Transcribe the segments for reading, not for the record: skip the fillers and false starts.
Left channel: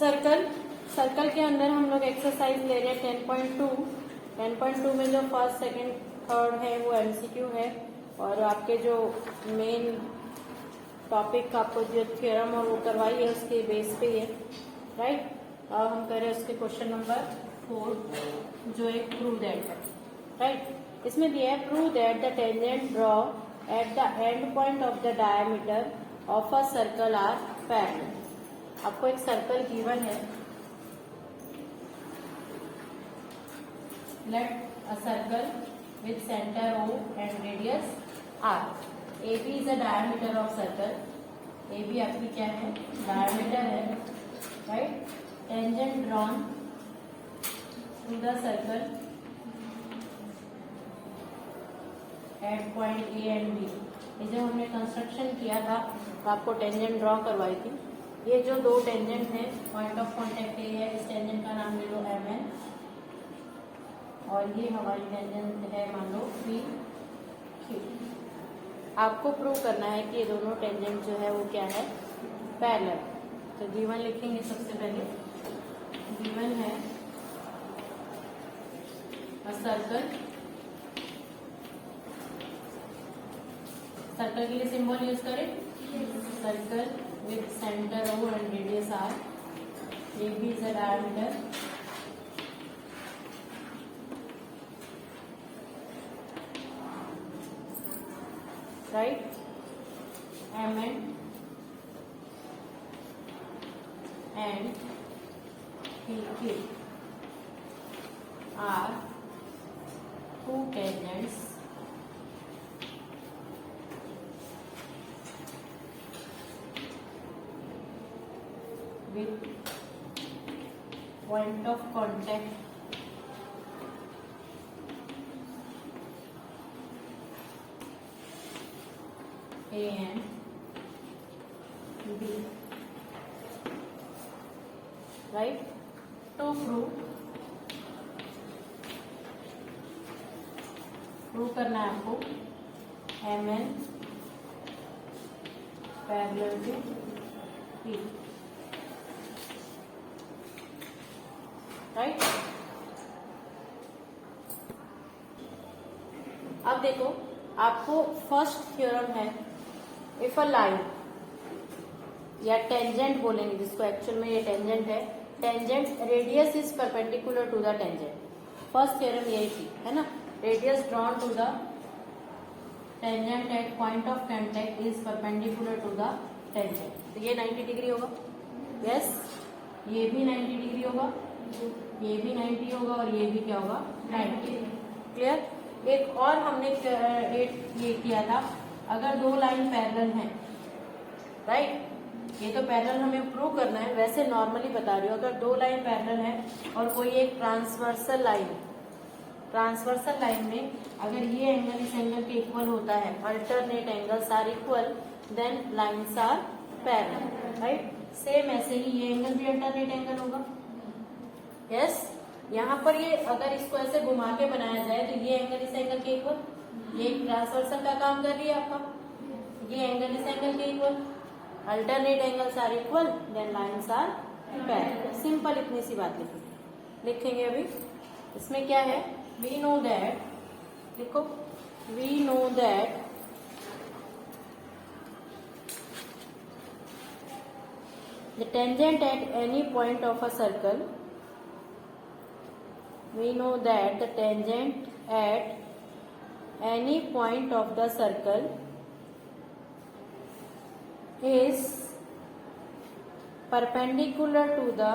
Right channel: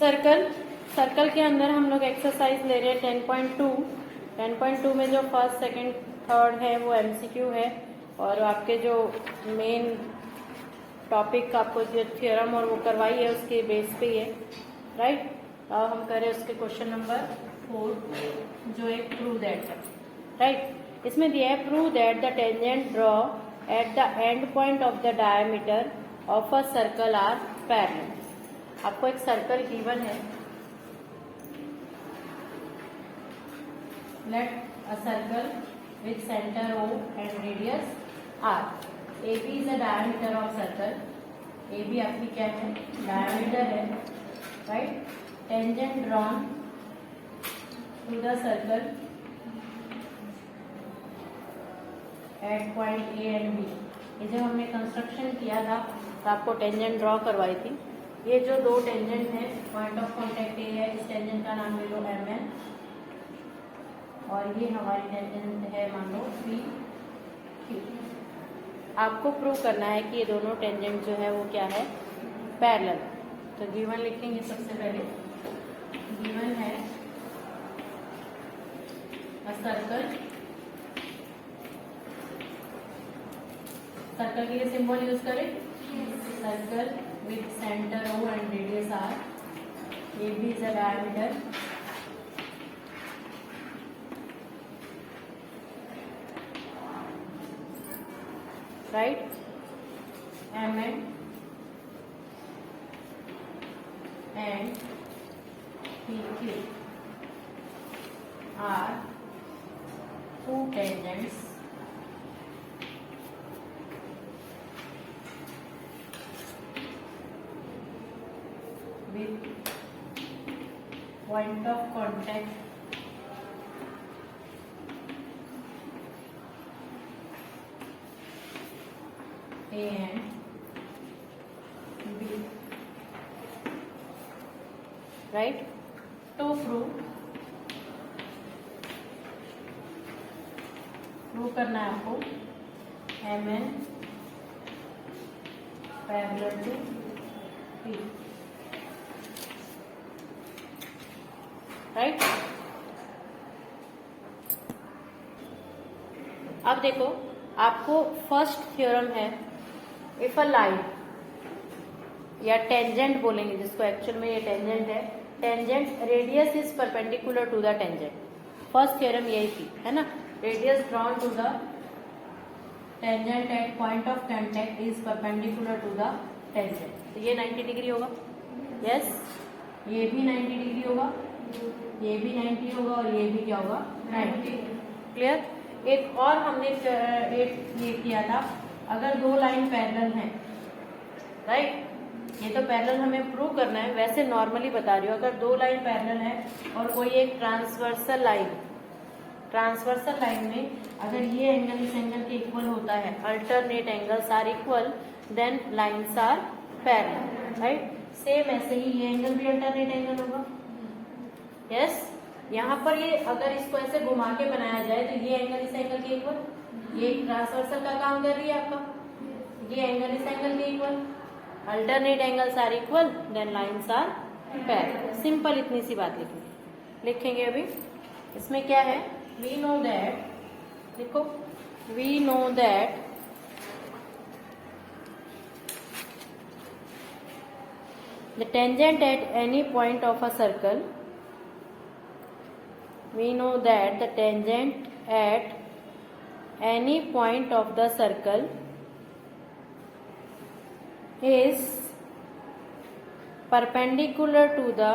Circle, circle के अंदर हम लोग एक्सरसाइज ले रहे हैं 10.2। 10.2 में जो फर्स्ट सेकंड थर्ड है वो एमसीक्यू है, और आपके जो मेन टॉपिक आपको जो थ्योरम और वो करवाई है उसके बेस पे ये, राइट। अब हम करें उसके क्वेश्चन नंबर 4 जो एक प्रूव दैट है, राइट। इसमें दिया है prove that the tangent draw at the end point of the diameter of a circle are parallel. आपको एक सर्कल गिवन है, let a circle with centre O and radius R। AB is a diameter of circle, AB आपकी क्या है, diameter है, right. Tangent drawn to the circle at point A and B। ये जब हमने कंस्ट्रक्शन किया था तो आपको टेंजेंट ड्रॉ करवाई थी। ये जो दो टेंजेंट है, पॉइंट ऑफ कांटेक्ट ए है, इस टेंजेंट का नाम ले लो MN, और ये हमारी टेंजेंट है मान लो PQ। आपको प्रूव करना है कि ये दोनों टेंजेंट जो है वो क्या है, पैरेलल। तो गिवन लिखेंगे सबसे पहले, गिवन है अ सर्कल, सर्कल के लिए सिंबल यूज करें, circle with center O and radius R, AB is the diameter, right, MN and PQ are two tangents with point of contact A and B, right। तो prove करना है आपको MN parallel to P, right. अब देखो, आपको first theorem है, if a line या tangent बोलेंगे जिसको, एक्चुअल में ये टेंजेंट है, tangent radius is perpendicular to the tangent. First theorem यही थी, है ना, radius drawn to the tangent at point of contact is perpendicular to the tangent. तो ये 90 डिग्री होगा, यस, ये भी 90 डिग्री होगा, ये भी 90 होगा, और ये भी क्या होगा, 90। क्लियर। एक और हमने ये किया था, अगर दो लाइन पैरेलल हैं, राइट, ये तो पैरेलल हमें प्रूव करना है, वैसे नॉर्मली बता रही हूँ, अगर दो लाइन पैरेलल है और कोई एक ट्रांसवर्सल लाइन, ट्रांसवर्सल लाइन में अगर ये एंगल इस एंगल के इक्वल होता है, alternate angles are equal, then lines are parallel, right. Same ऐसे ही ये एंगल भी अल्टरनेट एंगल होगा, यस। यहाँ पर ये अगर इसको ऐसे घुमा के बनाया जाए तो ये एंगल इस एंगल के इक्वल, ये ट्रांसवर्सल का काम कर रही है आपका, ये एंगल इस एंगल के equal, alternate angles are equal, then lines are parallel. Simple, इतनी सी बात लिखेंगे अभी। इसमें क्या है, वी नो दैट, देखो, we know that the tangent at any point of a circle, we know that the tangent at any point of the circle is perpendicular to the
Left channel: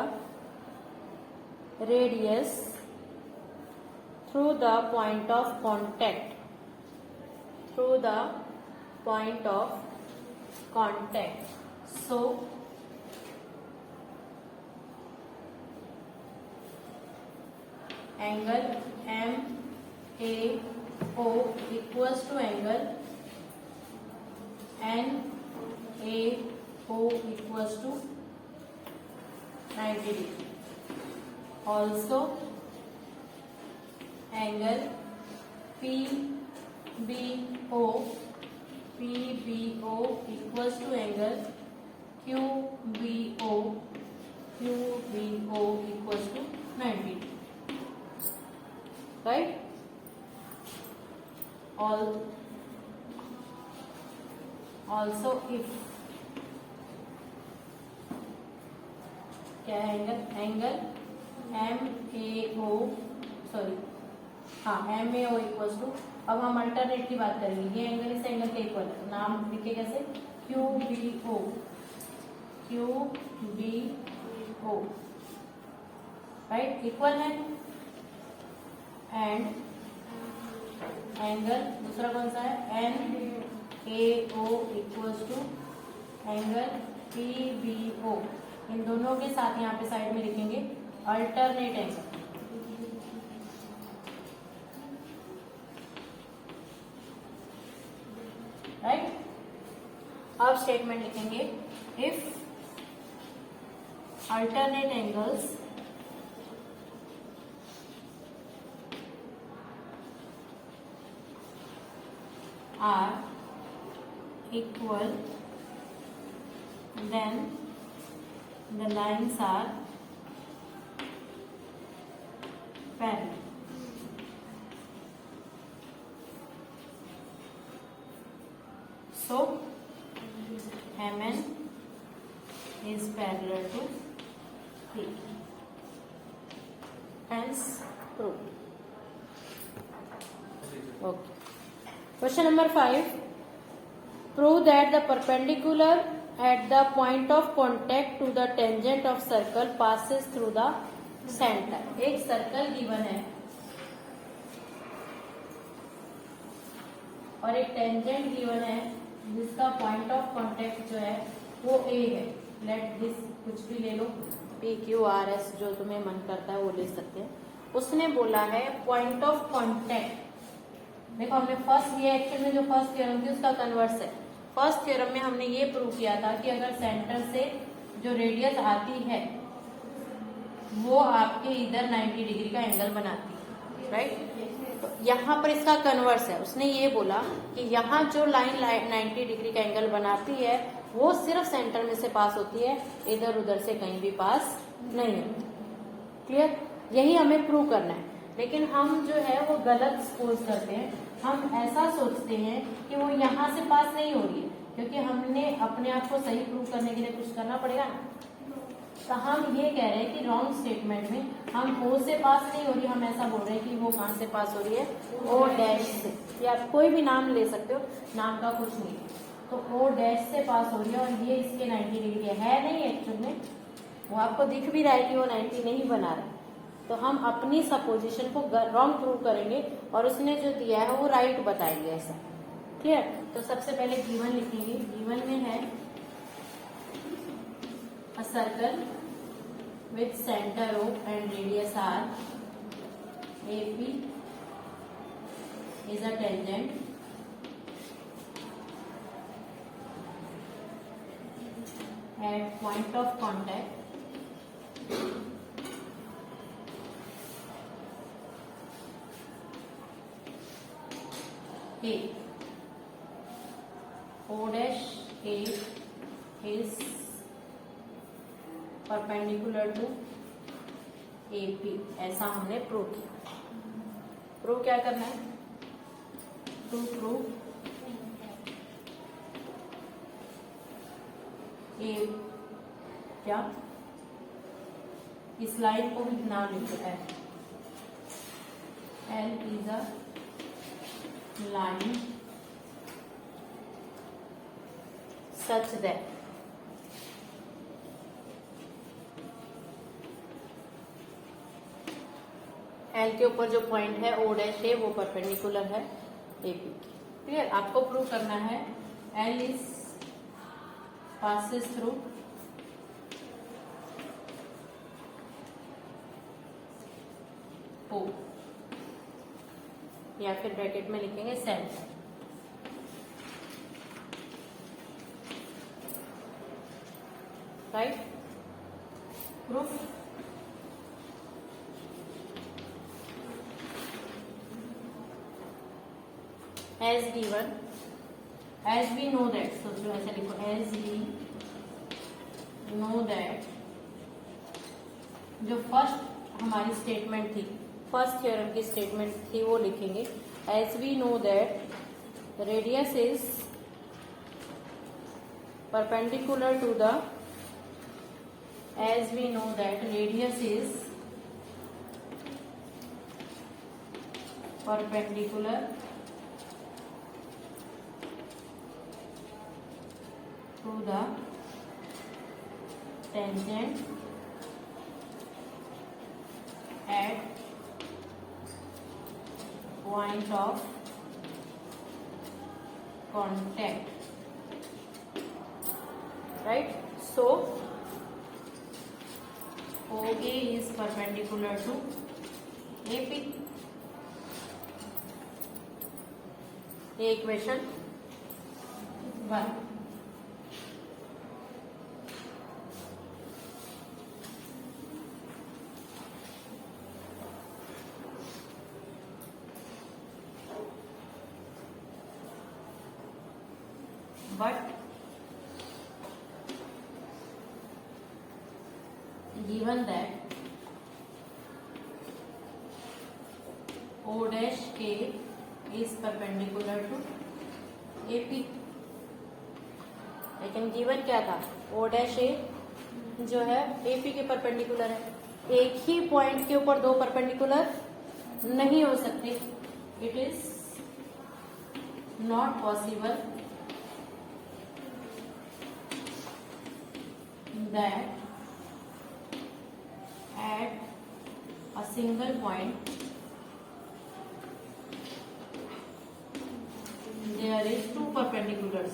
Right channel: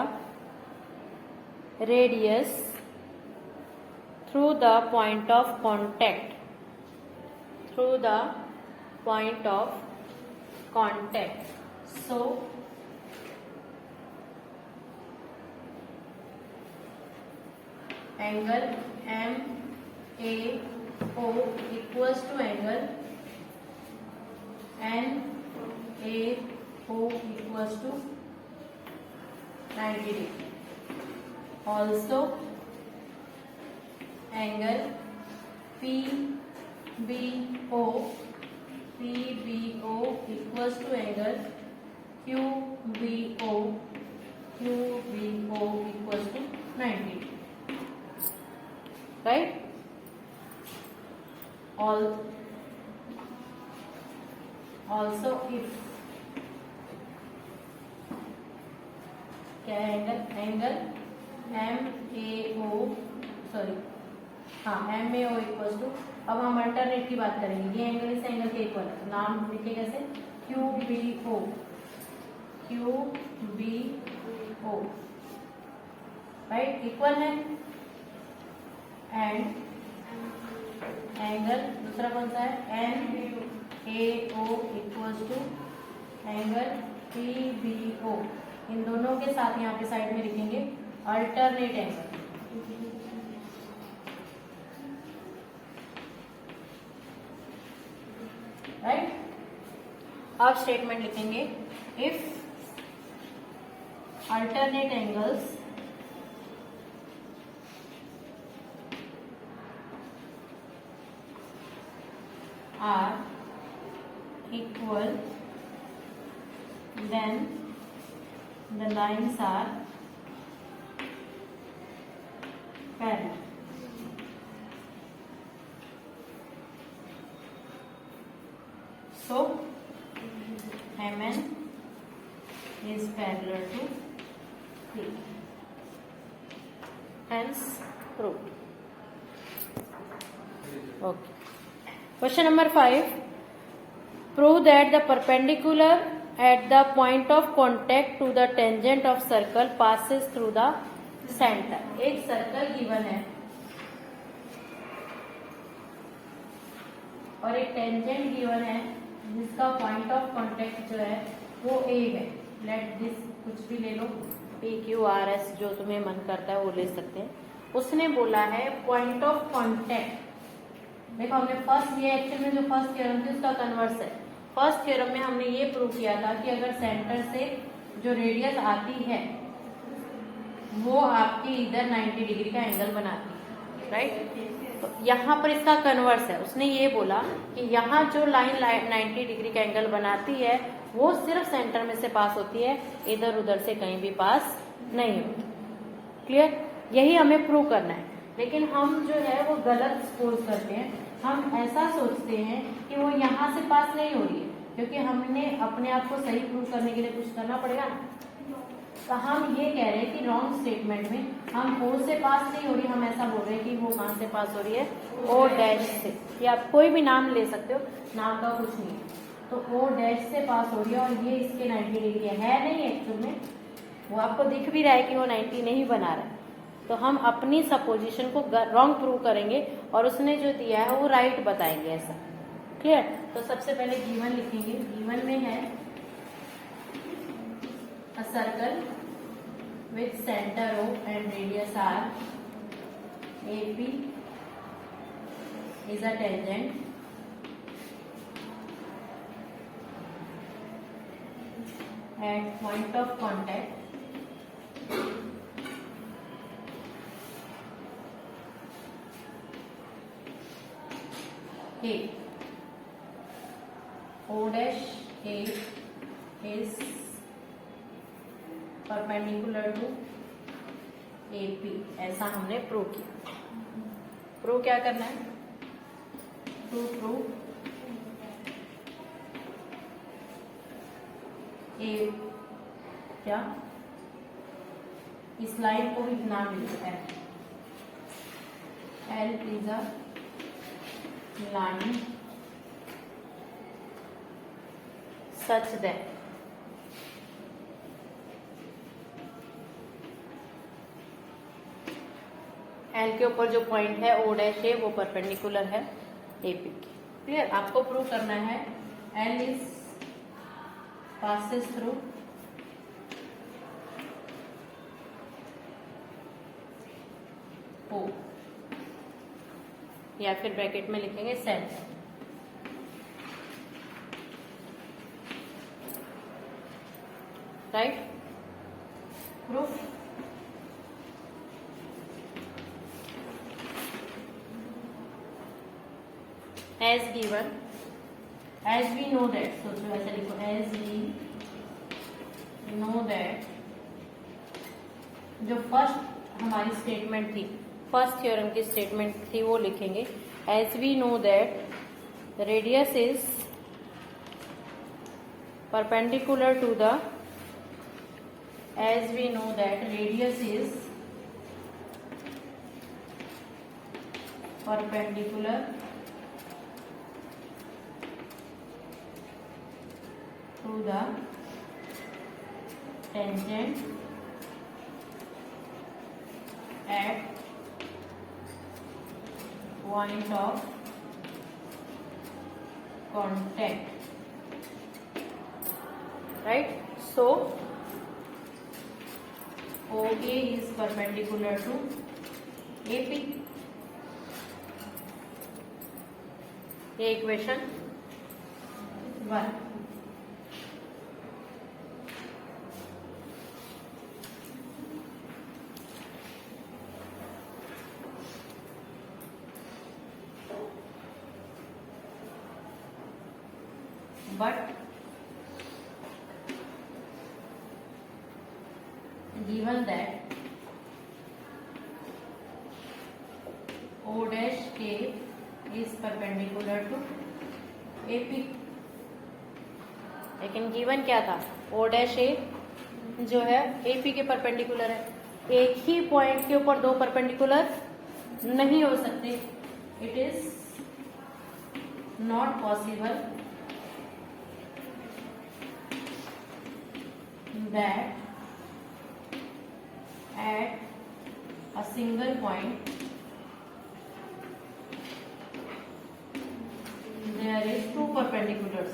radius through the point of contact, through the point of contact. So angle MAO equals to angle NAO equals to 90 degree. Also angle PBO equals to angle QBO also if क्या है angle MAO sorry MAO equal to, अब हम alternate की बात करेंगे, ये angle इस angle के इक्वल है तो नाम लिखे कैसे QBO राइट, इक्वल है। एंड एंगल दूसरा कौन सा है NAO equal to angle PBO, इन दोनों के साथ यहाँ पे साइड में लिखेंगे अल्टरनेट एंगल, राइट। अब स्टेटमेंट लिखेंगे if alternate angles are equal then the lines are parallel. So MN is parallel to P. Hence proved. Okay. Question number 5. Prove that the perpendicular at the point of contact to the tangent of circle passes through the center. एक circle given है और एक tangent given है जिसका point of contact जो है वो A है। लेट दिस कुछ भी ले लो, PQRS जो तुम्हें मन करता है वो ले सकते हैं। उसने बोला है पॉइंट ऑफ कांटेक्ट, देखो हमने फर्स्ट, ये एक्चुअल में जो फर्स्ट थ्योरम थी उसका कन्वर्स है। फर्स्ट थ्योरम में हमने ये प्रूव किया था कि अगर सेंटर से जो रेडियस आती है वो आपके इधर 90 डिग्री का एंगल बनाती है, राइट। तो यहाँ पर इसका कन्वर्स है, उसने ये बोला कि यहाँ जो लाइन 90 डिग्री का एंगल बनाती है वो सिर्फ सेंटर में से पास होती है, इधर उधर से कहीं भी पास नहीं होती। क्लियर, यही हमें प्रूव करना है। लेकिन हम जो है वो गलत सपोज करते हैं, हम ऐसा सोचते हैं कि वो यहाँ से पास नहीं हो रही है, क्योंकि हमने अपने आप को सही प्रूव करने के लिए कुछ करना पड़ेगा ना। तो हम ये कह रहे हैं कि रॉन्ग स्टेटमेंट में हम O से पास नहीं हो रही, हम ऐसा बोल रहे हैं कि वो कहाँ से पास हो रही है, O डैश से, या आप कोई भी नाम ले सकते हो, नाम का कुछ नहीं है। तो O डैश से पास हो रही है और ये इसके 90 डिग्री है नहीं एक्चुअल में, वो आपको दिख भी रहा है कि वो 90 नहीं बना रहा है। तो हम अपनी सपोजिशन को रॉन्ग प्रूव करेंगे और उसने जो दिया है वो राइट बताएंगे, ऐसा। क्लियर। तो सबसे पहले गिवन लिखेंगे, गिवन में है अ circle with centre O and radius R, AP is a tangent at point of contact A. O dash A is perpendicular to AP, ऐसा हमने प्रूव किया। प्रूव क्या करना है, टू प्रूव A, क्या इस लाइन को भी नाम लिखो L is a line such that L के ऊपर जो पॉइंट है O डैश है वो परपेंडिकुलर है AP की। क्लियर, आपको प्रूव करना है L is passes through O, या फिर ब्रैकेट में लिखेंगे centre, right. Proof as given, as we know that, सोचो ऐसा लिखो, एज वी नो दैट, जो फर्स्ट हमारी स्टेटमेंट थी, फर्स्ट थ्योरम की स्टेटमेंट थी वो लिखेंगे, as we know that the radius is perpendicular to the, as we know that radius is perpendicular to the tangent at point of contact, right? So OA is perpendicular to AP. ये equation 1. But given that O dash K is perpendicular to AP, लेकिन given क्या था, O dash A जो है AP के perpendicular है. एक ही point के ऊपर दो परपेंडिकुलर नहीं हो सकते. It is not possible that at a single point there is two perpendiculars.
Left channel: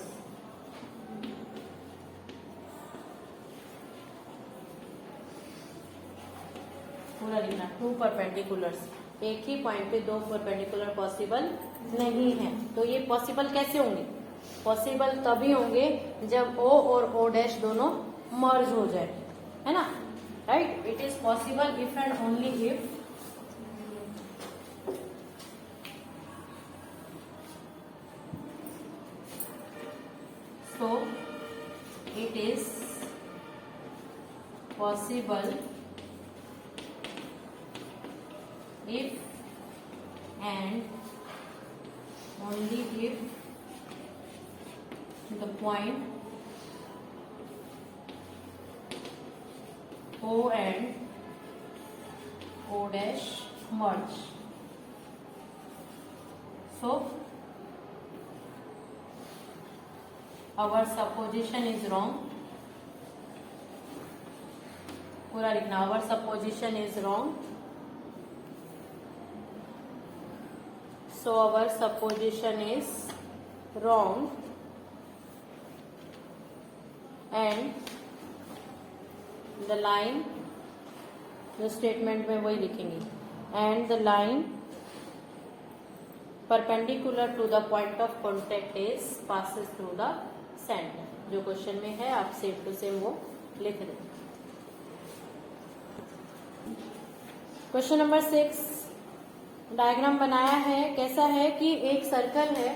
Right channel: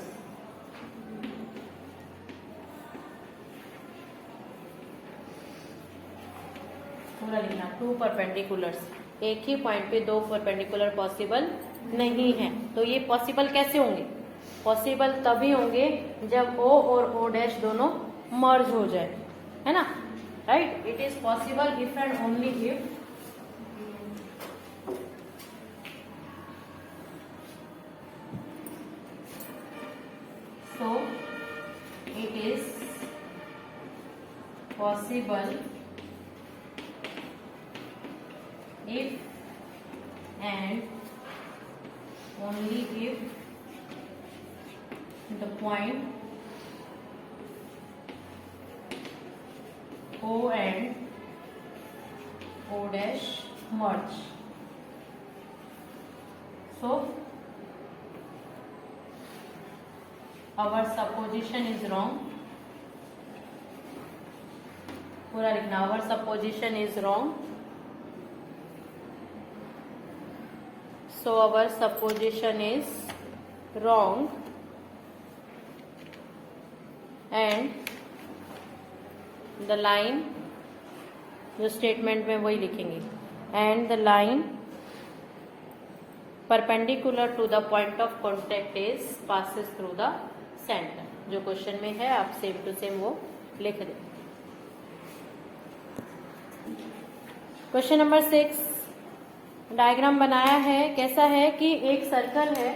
पूरा लिखना, टू परपेंडिकुलर्स. एक ही पॉइंट पे दो परपेंडिकुलर पॉसिबल नहीं है. तो ये पॉसिबल कैसे होंगे? पॉसिबल तभी होंगे जब O और O डैश दोनों मर्ज हो जाए, है ना, right? It is possible if and only if so it is possible if and only if the point O and O dash merge. So our supposition is wrong. पूरा लिखना, our supposition is wrong. So our supposition is wrong and the line, जो statement में वही लिखेंगे, and the line perpendicular to the point of contact is passes through the centre. जो question में है आप सेम टू सेम वो लिख दें. क्वेश्चन नंबर 6, डायग्राम बनाया है. कैसा है कि एक सर्कल है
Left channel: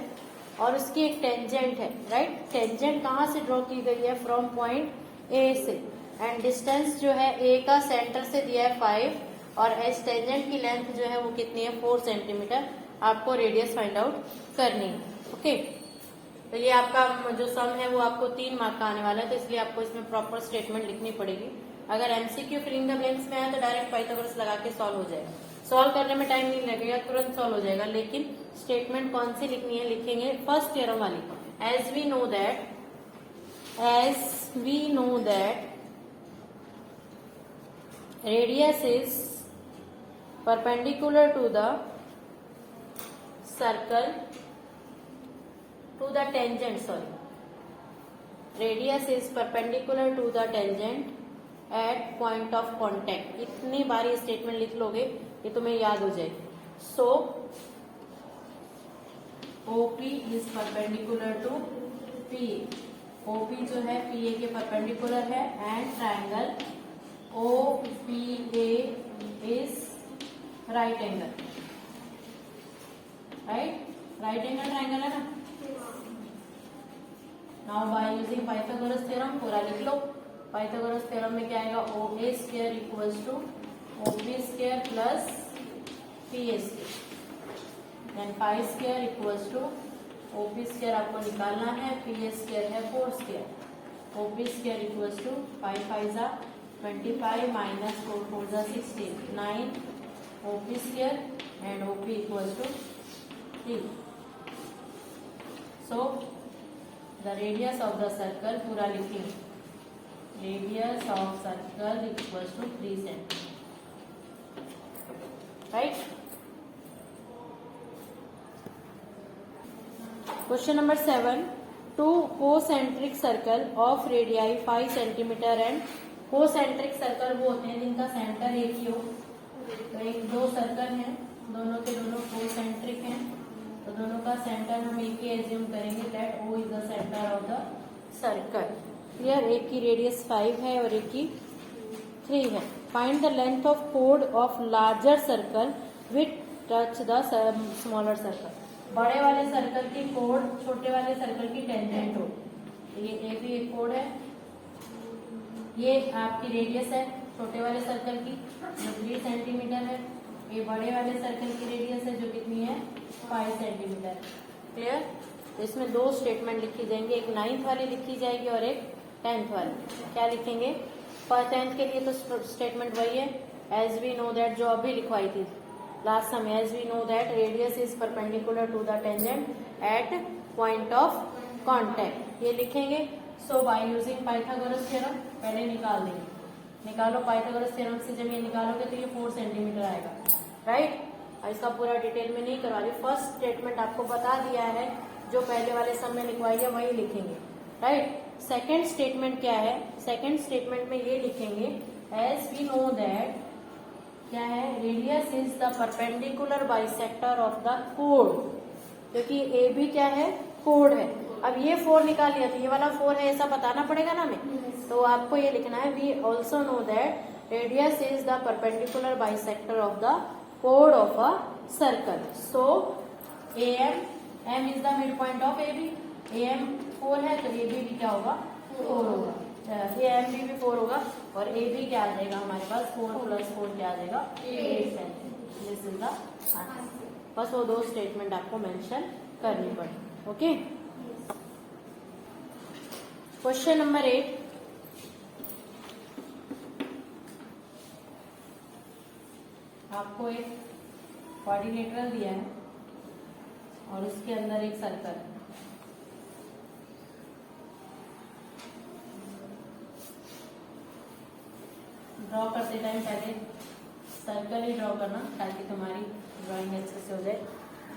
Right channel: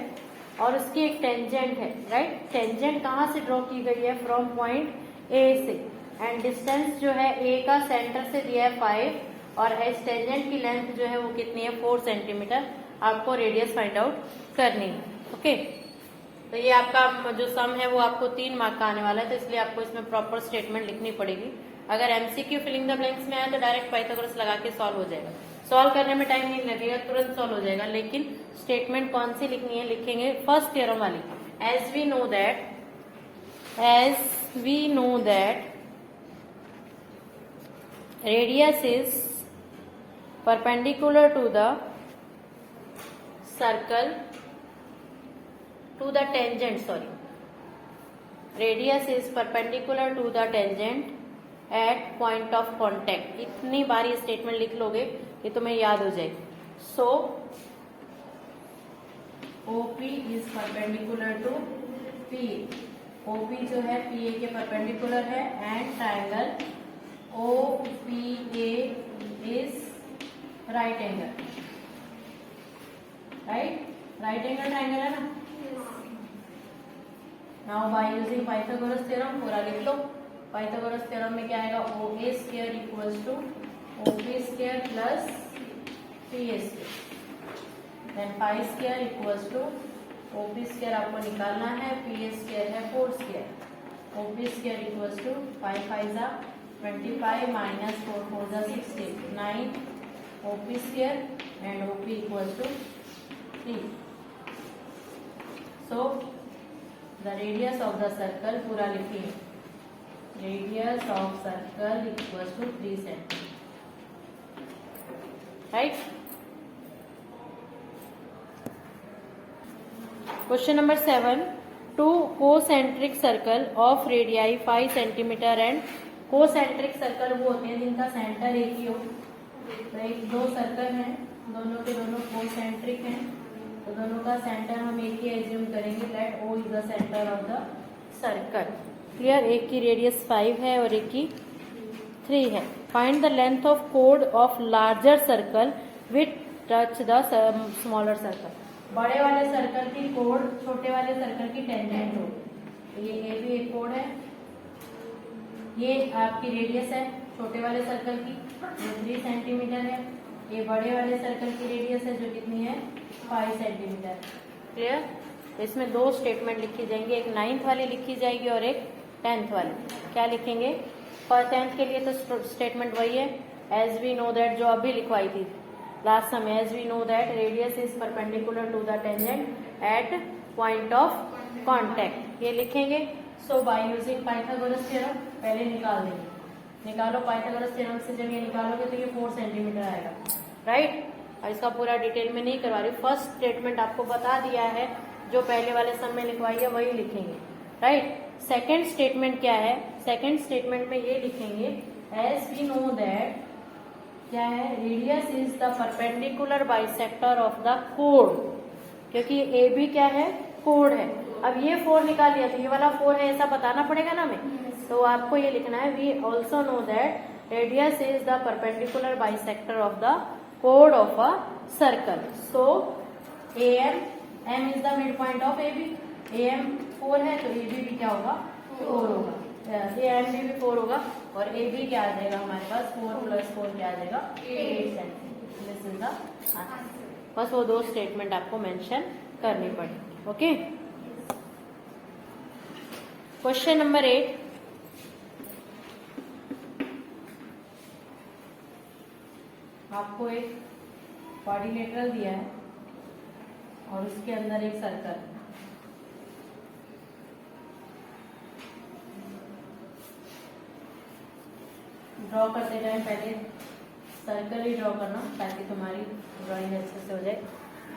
और उसकी एक टेंजेंट है, राइट? टेंजेंट कहाँ से ड्रॉ की गई है? फ्रॉम पॉइंट ए से. एंड डिस्टेंस जो है ए का सेंटर से दिया है 5 और एस टेंजेंट की लेंथ जो है वो कितनी है? 4 सेंटीमीटर. आपको रेडियस फाइंड आउट करनी है. ओके, तो ये आपका जो सम है वो आपको 3 मार्क का आने वाला है, तो इसलिए आपको इसमें प्रॉपर स्टेटमेंट लिखनी पड़ेगी. अगर एमसीक्यू फिलिंग द ब्लैंक्स में आया तो डायरेक्ट पाइथागोरस लगा के सॉल्व हो जाएगा. सॉल्व करने में टाइम नहीं लगेगा, तुरंत सॉल्व हो जाएगा. लेकिन स्टेटमेंट कौन सी लिखनी है? लिखेंगे फर्स्ट थ्योरम वाली. As we know that radius is perpendicular to the circle to the tangent, radius is perpendicular to the tangent at point of contact. इतनी बार ये स्टेटमेंट लिख लोगे ये तुम्हें याद हो जाएगी. So OP is perpendicular to PA. OP जो है PA के परपेंडिकुलर है and triangle OPA is right angle, right? Right angle triangle है ना. Now by using Pythagoras theorem पूरा लिख लो. Pythagoras theorem में क्या आएगा? OA square equals to OP square plus PA square. Then pi square equals to OP square आपको निकालना है, PA square है 4 square. OP square equals to 5 5 जा 25 minus 4 4 जा 16 9 OP square and OP equals to 3. So the radius of the circle पूरा लिखेंगे, radius of circle equals to 3 cm. Right? Question number 7. Two concentric circle of radii 5 cm and concentric circle वो होते हैं जिनका centre एक ही हो. तो एक दो सर्कल हैं, दोनों के दोनों concentric हैं, तो दोनों का सेंटर हम एक ही एज्यूम करेंगे. Let O is the centre of the circle. Clear? एक की रेडियस 5 है और एक की 3 है. Find the length of code of larger circle with touch the smaller circle. बड़े वाले सर्कल की कोड छोटे वाले सर्कल की टेंजेंट हो. तो ये ए भी एक कोड है, ये आपकी रेडियस है छोटे वाले सर्कल की जो 3 सेंटीमीटर है. ये बड़े वाले सर्कल की रेडियस है जो कितनी है 5 सेंटीमीटर. क्लियर? तो इसमें दो स्टेटमेंट लिखी जाएंगी, एक 9th वाली लिखी जाएगी और एक 10th वाली. क्या लिखेंगे? फॉर 10th के लिए तो स्टेटमेंट वही है, एज वी नो दैट, जो अभी लिखवाई थी लास्ट समय. As we know that radius is perpendicular to the tangent at point of contact. ये लिखेंगे. So by using Pythagoras theorem पहले निकाल देंगे. निकालो पाइथागोरस थ्योरम से. जब ये निकालोगे तो ये 4 सेंटीमीटर आएगा. राइट? और इसका पूरा डिटेल में नहीं करवा रही, फर्स्ट स्टेटमेंट आपको बता दिया है, जो पहले वाले सम में लिखवाई है वही लिखेंगे. राइट? सेकेंड स्टेटमेंट क्या है? सेकेंड स्टेटमेंट में ये लिखेंगे, एज वी नो दैट क्या है, radius is the perpendicular bisector of the code. क्योंकि ए भी क्या है, कोड है. अब ये 4 निकाल लिया तो ये वाला 4 है ऐसा बताना पड़ेगा ना हमें. तो आपको ये लिखना है, we also know that radius is the perpendicular bisector of the कोड of a circle. So M is the mid point of A B. M 4 है तो ए भी क्या होगा, 4 होगा. एम भी 4 होगा और ए भी क्या आ जाएगा हमारे पास, 4 + 4 क्या आ जाएगा, 8 centimetre. This is the answer. बस वो दो स्टेटमेंट आपको मेंशन करनी पड़ेगी. ओके. Question number 8. आपको एक क्वाड्रिलेटरल दिया है और उसके अंदर एक सर्कल. ड्रॉ करते टाइम पहले सर्कल ही ड्रॉ करना ताकि तुम्हारी ड्राइंग अच्छे से हो जाए,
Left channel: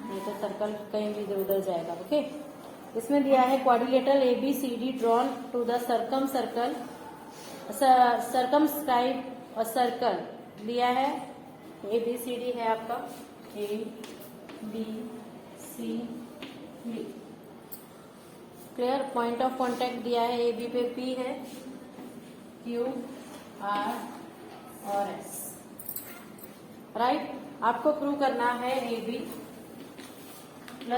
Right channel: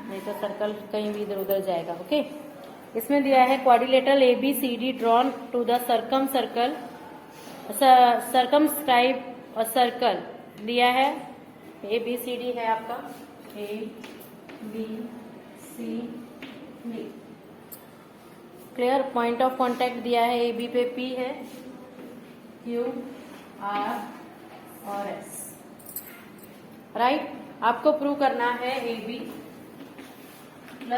नहीं तो सर्कल कहीं भी इधर उधर जाएगा. ओके. इसमें दिया है quadrilateral ABCD drawn to the circle circumscribe a circle. दिया है ABCD है आपका ABCD. Clear? Point of contact दिया है, AB पे P है, Q R और S. राइट? आपको प्रूव करना है AB +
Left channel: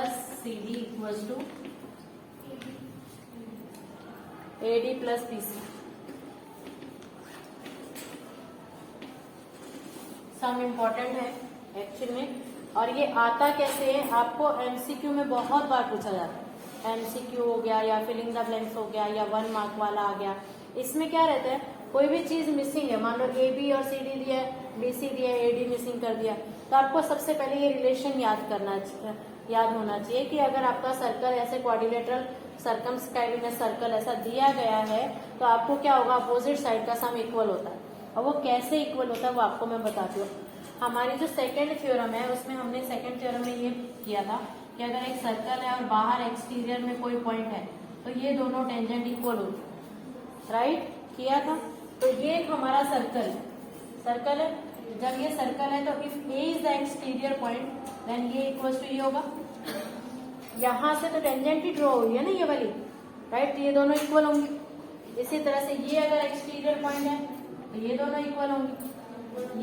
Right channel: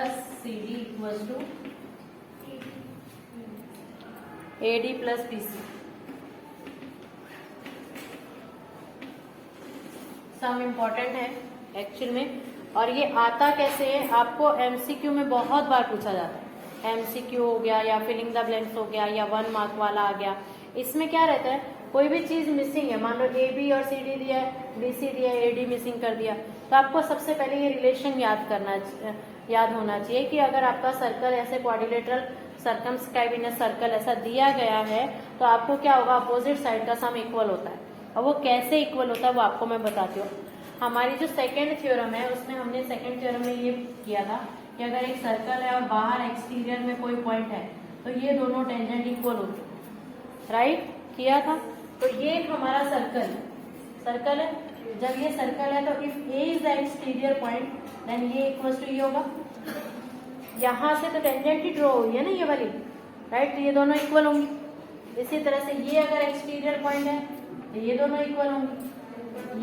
CD equals to AD + BC. Sum important है एक्चुअल में. और ये आता कैसे है, आपको MCQ में बहुत बार पूछा जाता है. MCQ हो गया या फिलिंग द ब्लैंक्स हो गया या 1 मार्क वाला आ गया. इसमें क्या रहता है, कोई भी चीज मिसिंग है, मान लो AB और CD दिया है, BC दिया है, AD मिसिंग कर दिया, तो आपको सबसे पहले ये रिलेशन याद होना चाहिए कि अगर आपका सर्कल ऐसे क्वाड्रिलेटरल सर्कमस्क्राइब इन सर्कल ऐसा दिया गया है तो आपको क्या होगा, अपोजिट साइड का सम इक्वल होता है. और वो कैसे इक्वल होता है वो आपको मैं बताती हूँ. हमारी जो सेकेंड थ्योरम है उसमें हमने सेकेंड थ्योरम में ये किया था कि अगर एक सर्कल है और बाहर एक्सटीरियर में कोई पॉइंट है तो ये दोनों टेंजेंट इक्वल होते हैं. राइट? किया था. तो ये हमारा सर्कल है. जब ये सर्कल है तो if A is the exterior point then ये इक्वल टू ये होगा. यहाँ से तो टेंजेंट ही ड्रॉ हुई है ना ये वाली. राइट? ये दोनों इक्वल होंगी. इसी तरह से ये अगर एक्सटीरियर पॉइंट है तो ये दोनों इक्वल होंगे.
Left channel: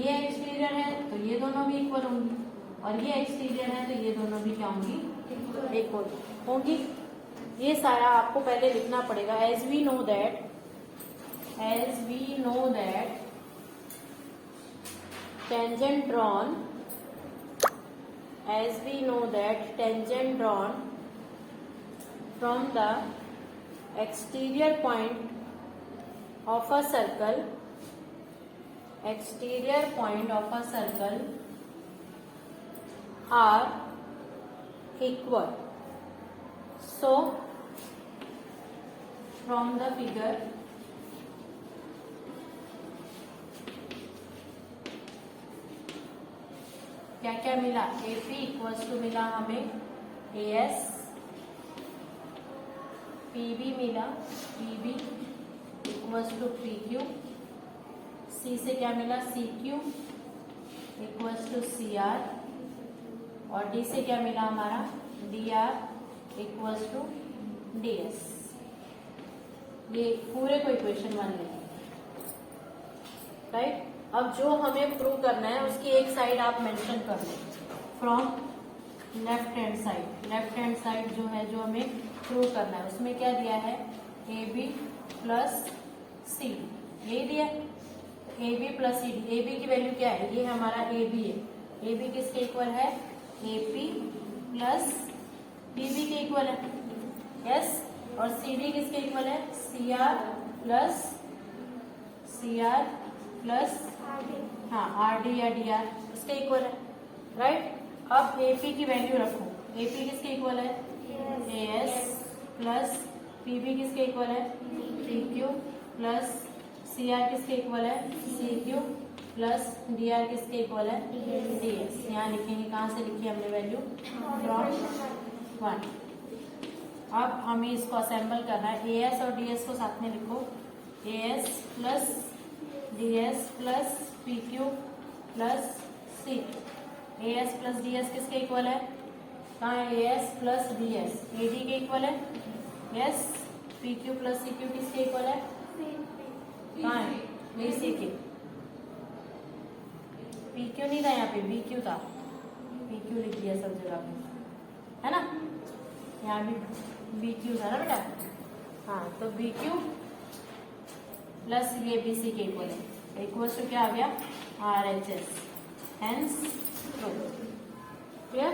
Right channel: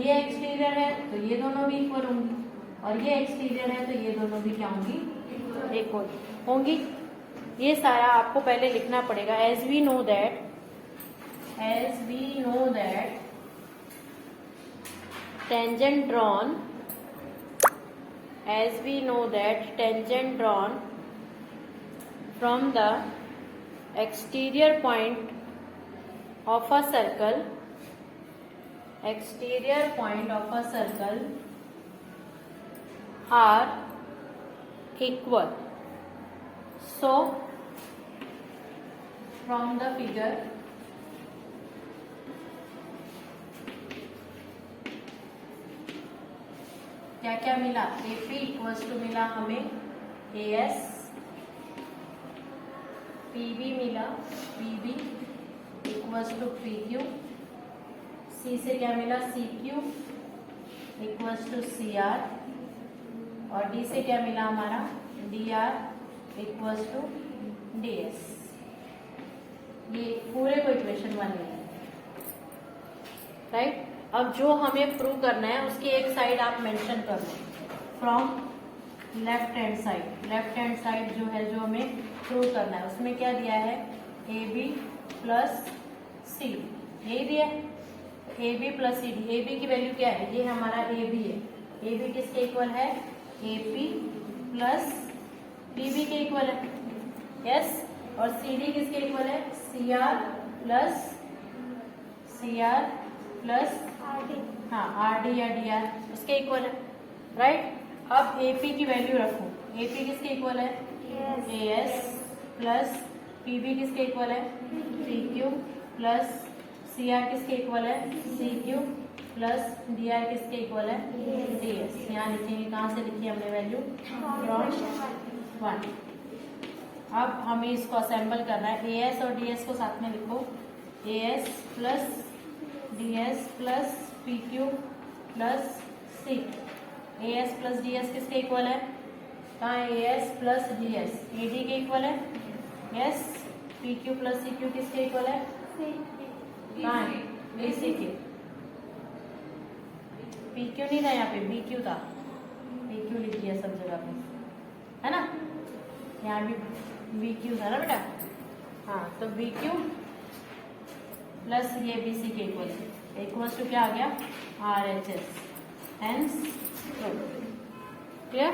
ये एक्सटीरियर है तो ये दोनों भी इक्वल होंगी और ये एक्सटीरियर है तो ये दोनों भी क्या होंगी, इक्वल होंगी. ये सारा आपको पहले लिखना पड़ेगा. As we know that tangent drawn from the exterior point of a circle, exterior point of a circle are equal. So from the figure क्या क्या मिला, AP इक्वल्स टू मिला हमें AS, PB मिला, PB equals to PQ, C से क्या मिला, CQ equals to CR, और D से क्या मिला हमारा, DR इक्वल्स टू DS। ये पूरे को इक्वेशन 1 में, राइट। अब जो हमें प्रूव करना है उसकी एक साइड आप मेंशन कर लो, फ्रॉम लेफ्ट हैंड साइड जो है, जो हमें प्रूव करना है उसमें क्या दिया है, AB प्लस C, ये दिया है, AB प्लस CD। AB की वैल्यू क्या है, ये हमारा AB है, AB किसके इक्वल है, AP प्लस PB के इक्वल है, यस। और CD किसके इक्वल है, CR प्लस हाँ RD या DR इसके इक्वल है, राइट। अब AP की वैल्यू रखो, AP किसके इक्वल है, AS प्लस PB किसके इक्वल है, PQ प्लस CR किसके इक्वल है, CQ प्लस DR किसके इक्वल है, DS। यहाँ लिखेंगे, कहाँ से लिखी हमने वैल्यू, फ्रॉम 1। अब हमें इसको असेंबल करना है, AS और DS को साथ में लिखो, AS plus DS plus PQ plus C। AS plus DS किसके इक्वल है, कहाँ है, AS प्लस DS AB के इक्वल है, यस। PQ प्लस CQ किसके इक्वल है, कहाँ है, BC के। PQ नहीं था यहाँ पे, BQ था, PQ लिख दिया सब जगह पे, है ना, यहाँ भी BQ था ना बेटा, हाँ। तो BQ प्लस ये BC के इक्वल है, इक्वल से क्या आ गया, RHS, हेंस क्लियर।